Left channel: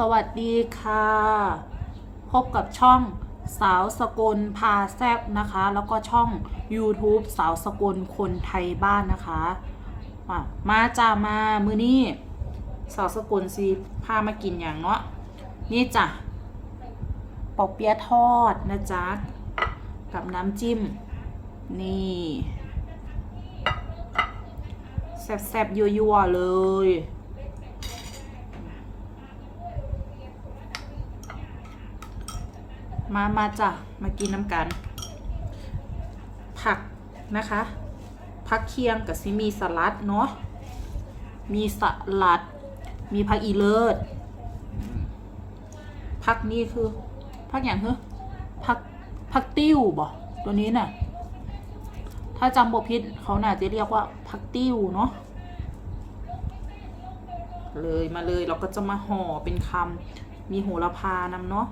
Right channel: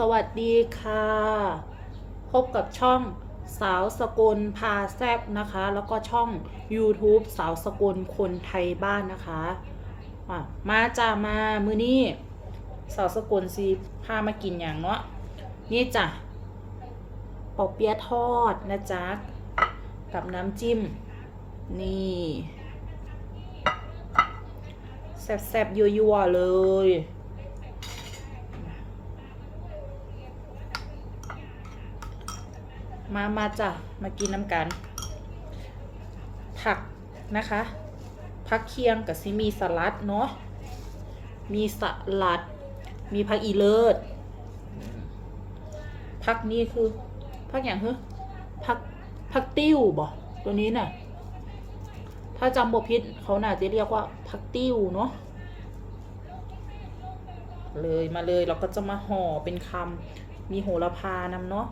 สวัสดีค่ะ พบกับช่องสาวสกลพาแซบนะคะ แล้วก็ช่อง YouTube สาวสกลคนไทยบ้านนะคะมาจ้ามามือนี้สาวสกลซีพามากินอย่างเนาะนี่จ้ะปอเปี๊ยะทอดนะจ๊ะกับน้ำจิ้ม นี่แซ่บๆยั่วๆเลย มามาจ้ะมากินน้ำกัน ผักนะคะ ผักเคียงกับซิมีสลัดเนาะมีสลัด มีผักอีเลิศผักนี้คือผักอย่างคือผักผักติ้วบ่ตัวนี้น่ะ ถ้าจำบพิษเขาน่าจะเรียกว่าผักติ้วเนาะเลยมาเลยเราก็จะมาห่อเป็นคำมีโหระพานำเนาะ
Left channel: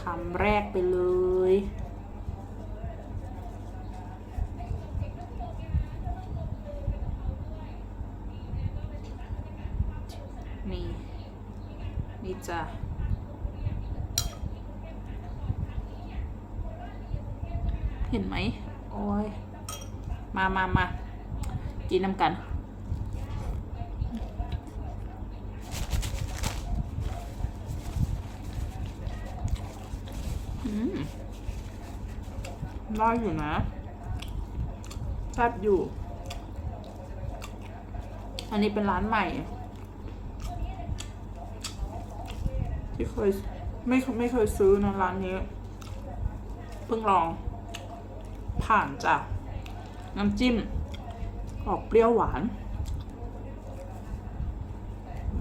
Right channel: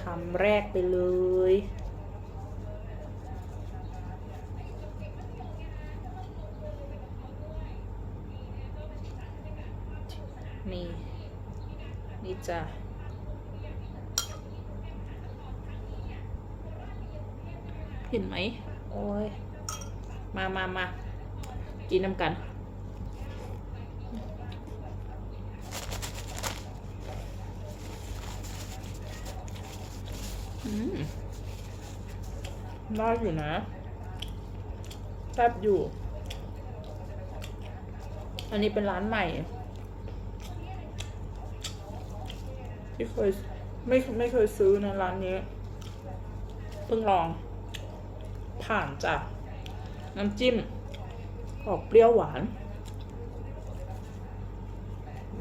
คำแรกไปเลย นี่ นี่จ้ะเห็นไหม โอ้ย มามามากินน้ำกัน ได้อยู่นะแซ่บอยู่ อันนี้เป็นร้านใหม่ ที่เคยไม่ไม่เคยซื้อในะร้านนี้ เพิ่งลอง ผ่านจากน้ำจิ้ม ออกเปรี้ยวหวาน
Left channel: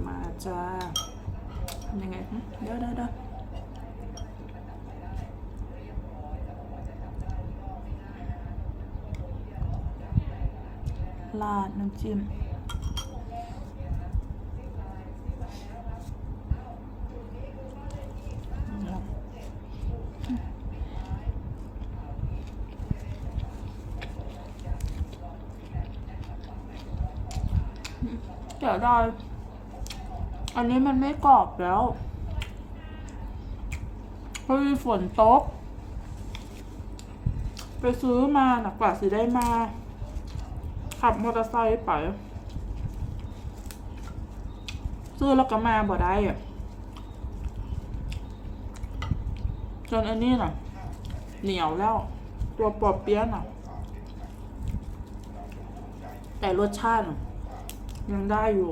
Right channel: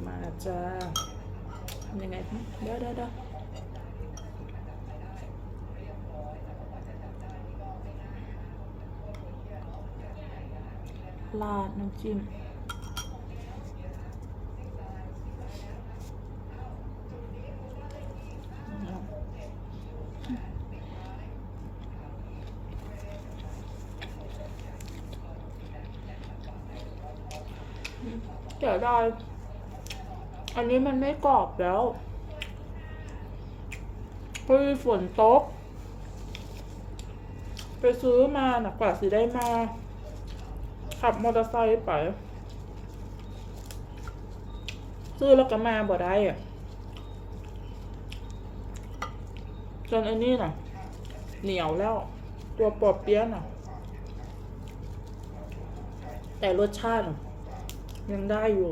มาจ้ายังไงเดี๋ยวเดี๋ยว เดี๋ยวลาดน้ำจิ้มเดี๋ยวได้อันนี้มันไม่กรอบแล้วพราะมีฝนตก ไปซื้อมาหนักกว่าสิได้มา ขับมอเตอร์ไซค์ไป ซื้อแล้วก็มาบ่ได้อะจนอันนี้น่ะ เหนียวแล้ว ตัวปอบเปี้ยน่ะ แต่รสชาติยังได้อยู่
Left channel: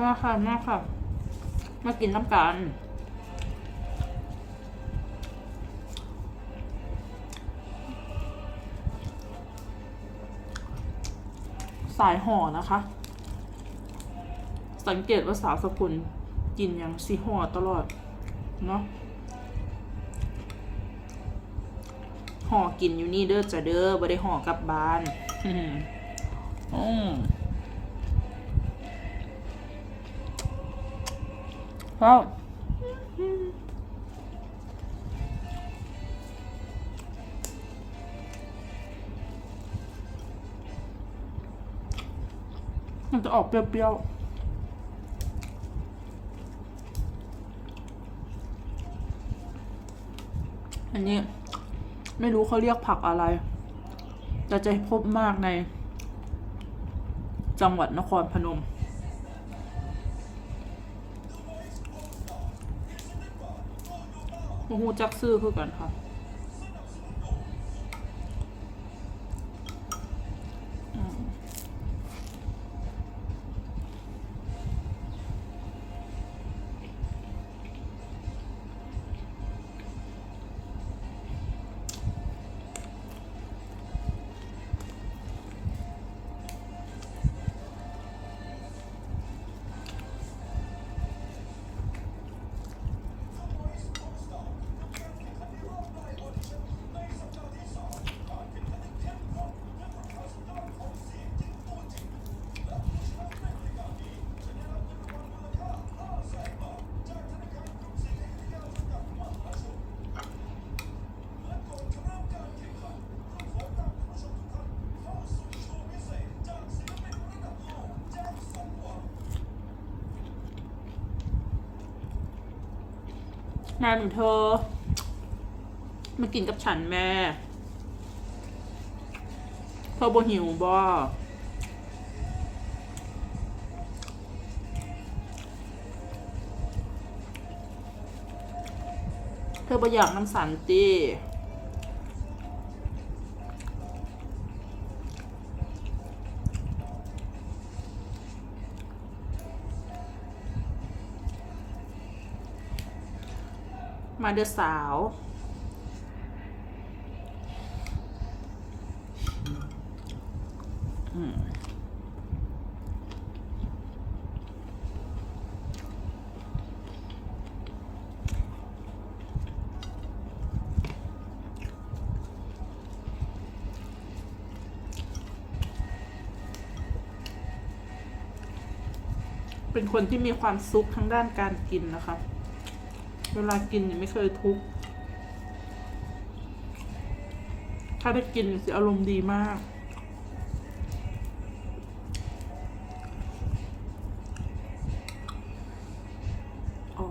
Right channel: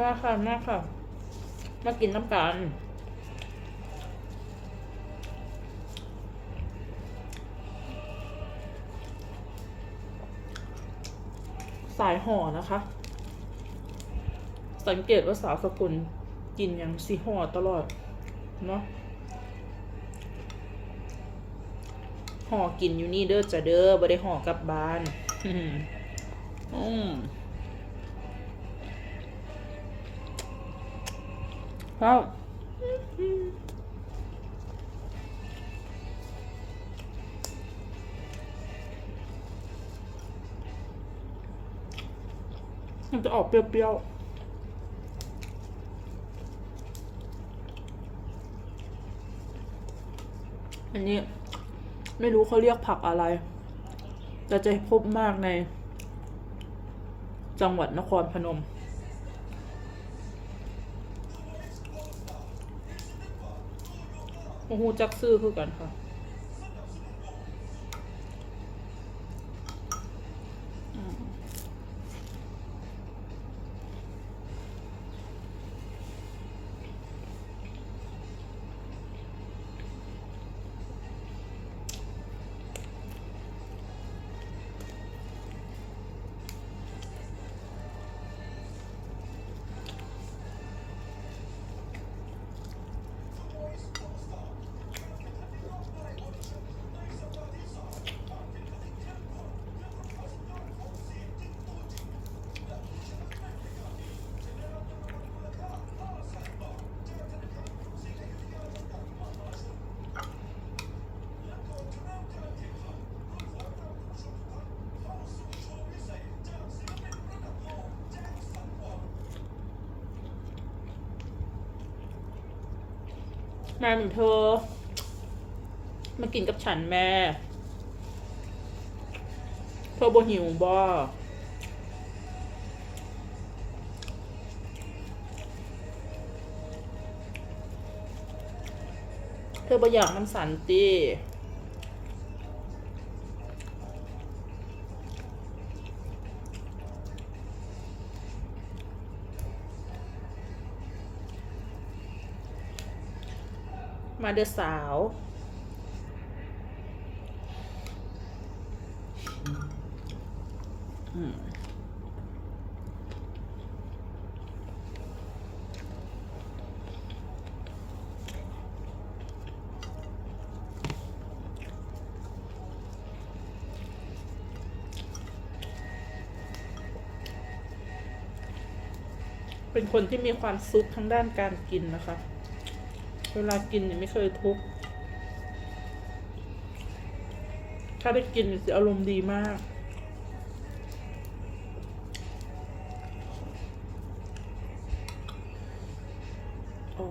มาค่ะมาค่ะ มากินน้ำกันสายห่อนะคะ สังเกตว่าสาวสกุลกินอย่างสีห่อตลอด เนาะห่อกินอยู่นี่เด้อจะเด้อบ่ได้ห่อกลับบ้าน อืม ครับมันจะออกเปรี้ยวๆอันนี้ไม่รู้เขาเรียกผักอะไร แต่จะพบมากใน จังหวัดนครพนม โอ้โหจักซื้อคือกันค่ะ มาหนูเธอ มากินกับฉันแม่เธอบ่หิวบ่เธอบ่อยากน้ำสันตี มาเด้อสาวเป็นคนที่มีความสุขทั้งด้านการกินนะคะ เวลากินยังไม่เคยทุกข์ถ้าได้กินจะอารมณ์ดีมาก อ๋อ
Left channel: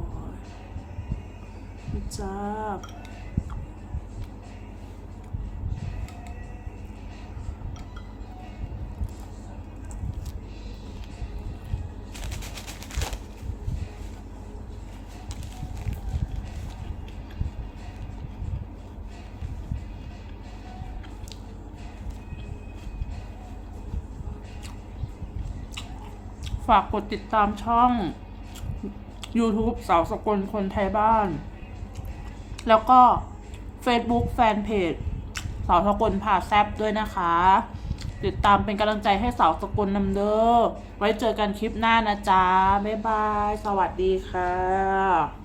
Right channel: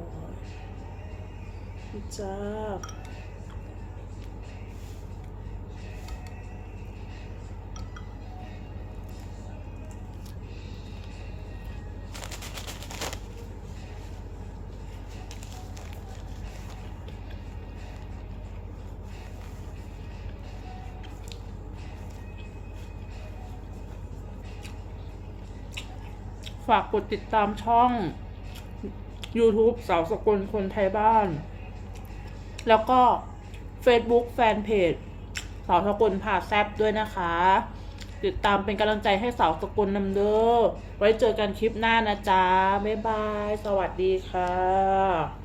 จ้า ฝากกดติดตามช่อง YouTube สาวสกุลคนไทยบ้าน แล้วก็ Facebook แฟนเพจสาวสกุลผ่าแซบด้วยนะคะ ติดตามเป็นกำลังใจให้สาวสกุลนำเด้อไว้เจอกันคลิปหน้านะจ๊ะ บ๊ายบาย สวัสดีค่ะ